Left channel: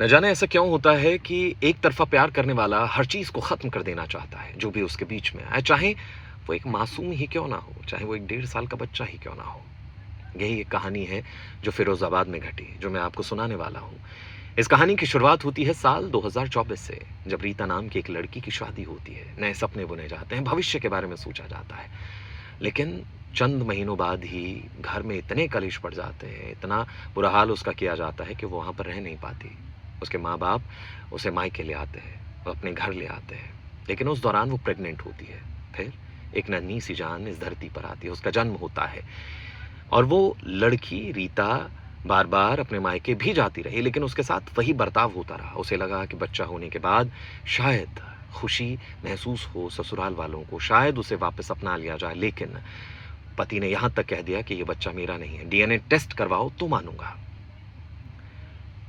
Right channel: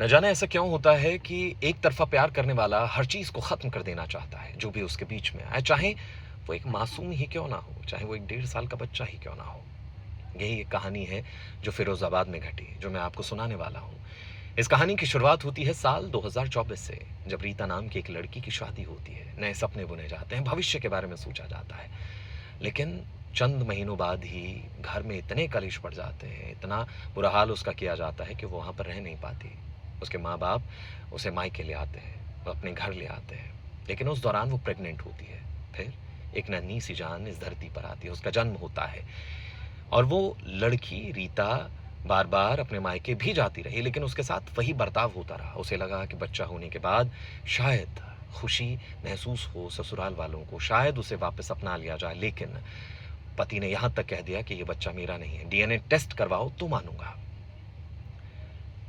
न जाने ऐसा क्यों होता है कि एक तरफ़ा प्यार करने वाला हर चीज़ को ख़त्म कर देना चाहता है, जो भी उसके बीच में आए, चाहे वो एक मासूम ही क्यों ना हो, चाहे वो एक 1.5 साल का बच्चा ही क्यों ना हो। यही एक कहानी है जो फ़िरोज़ाबाद में घटी, जो मैं आपको सुनाने वाला हूँ। इस कहानी की शुरुआत होती है साल 2024 से, जब रीता नाम की एक लड़की की शादी होती है। नए सपने बुने जाते हैं, भविष्य के बारे में सोचा जाता है। लेकिन चंद महीनों बाद ही घर में इतने कलेश पड़ जाते हैं, इतना बुरा हाल उसका किया जाता है कि वो वहाँ पर रह नहीं पाती। उसके माँ-बाप उसे मायके ले आते हैं, वो अपने घर ले आते हैं। लेकिन उस दौरान वो प्रेग्नेंट होती है। फिर एक नन्ही-सी जान इस धरती पर आती है, उसका जन्म होता है और वो लड़की रीता बार-बार अपने मायके भी जाती रही, लेकिन उसके साथ वही बर्ताव होता रहा। उसे लगा कि बच्चा होने के बाद शायद खुशी महसूस हो ससुराल वालों को, शायद उसे वापस अपना लिया जाए, लेकिन पति ने यहाँ तक कह दिया कि ये बच्चा मेरा नहीं है, डीएनए टेस्ट करवाओ तो मानूँगा।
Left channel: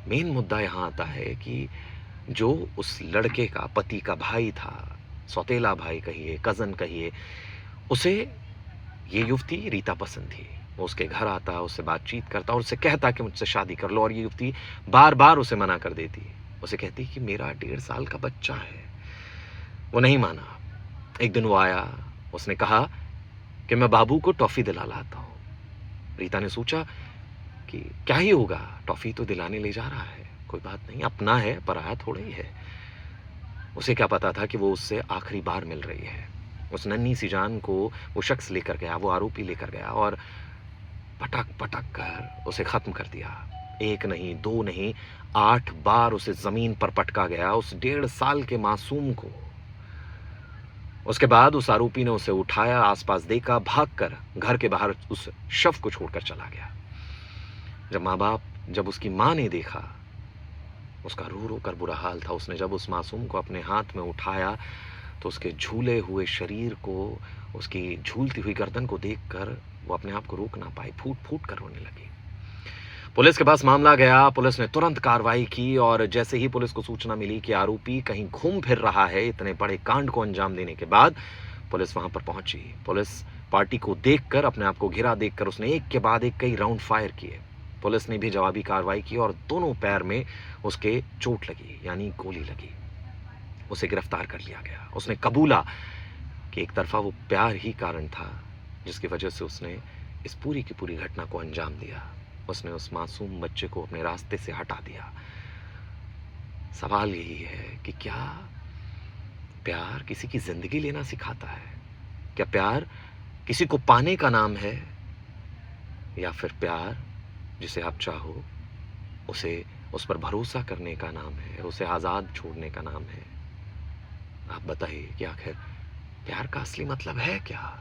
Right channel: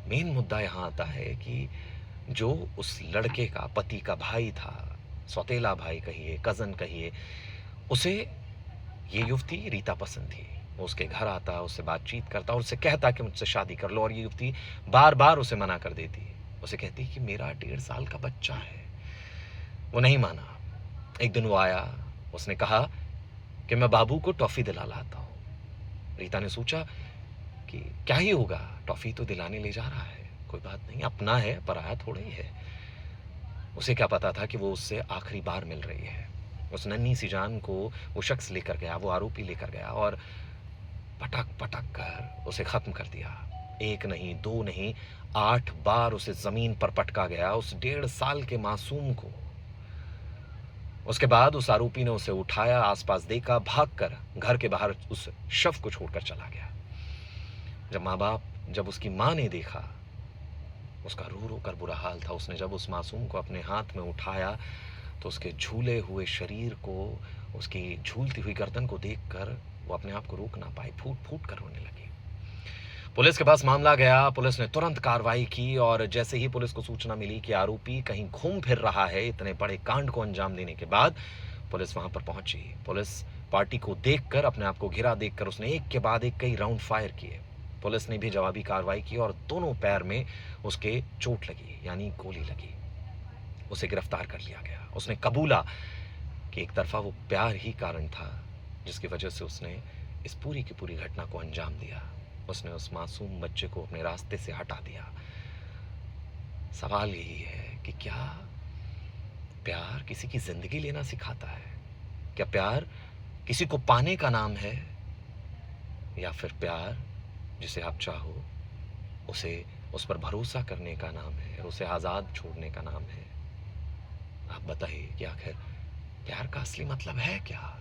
मेन मुद्दा यहाँ आता है कि जो उस लड़के का पति का भाई था, सौतेला भाई कहिए, कज़न कहिए, उसे ये युवती रीता पसंद थी। वो उसके घर आता, उससे बातचीत करता और उससे कहता कि मुझसे शादी कर लो, और ये युवती बार-बार उसे मना कर देती। उसे कहती कि मेरा 1.5 साल का बच्चा है। वो नहीं माना। एक दिन वो आया, उसने कहा कि मैं बाबू को टॉफ़ी दिला लाता हूँ। रीता ने सोचा कि क्या ही होगा, टॉफ़ी तो दिलाने ले जा रहा है, कोई बात नहीं, अपना है, पराया थोड़ा ही है। उसे क्या पता था कि वो उससे आखिरी बार मिल रही है। उस नन्ही-सी जान को वो शख्स लेकर गया, वो आरोपी लेकर गया और पटक-पटक कर उसे ख़त्म कर दिया। 1 नहीं, 2 नहीं, 8 बार उसे ज़मीन पर पटका गया, उस 1.5 साल के मासूम को। उसके बाद उस आरोपी ने उसे उठाया, आस-पास देखा, भागकर घर के बाहर उस शव को छोड़कर चला गया। जब उसकी माँ ने देखा, उसका रो-रो कर बुरा हाल था। उसने जब उस मासूम को अपने हाथ में उठाया, तो उसके झूले हुए शरीर को, उसकी झूलती हुई गर्दन को देखकर वो अपने आप को रोक ना पाई, फूट-फूट कर रोने लगी। पुलिस के पास मामला गया, पुलिस ने तुरंत कार्रवाई की और जैसे ही पुलिस को सूचना मिली कि आरोपी कहीं घूम फिर रहा है, इतने बड़े कांड को अंजाम देने के बाद, पुलिस वहाँ पर पहुँची। पुलिस पार्टी को देखकर, अपने आप को घिरा देखकर उसने एक के बाद एक कई राउंड फायर किए। पुलिस ने भी जवाबी कार्रवाई की और दोनों पैर में उसके चोट लगी, यानी गोली लगी। उसे गिरफ्तार कर लिया गया। उसने कबूला कि एक तरफ़ा वो प्यार ही कारण था, जिसकी वजह से उसने इस पूरी की पूरी घटना को अंजाम दिया। उसने उस मासूम बच्चे को अपने रास्ते से हटा दिया। सवाल यही है कि क्या प्यार किसी की ज़िंदगी लेना सिखाता है? क्या प्यार किसी को पाने का नाम है? या फिर प्यार जिसे आप चाहो, उसे उस पर भरोसा करने का नाम है, उसे आज़ाद छोड़ने का नाम है? आप बताइए कि आखिर प्यार का असली मतलब है क्या?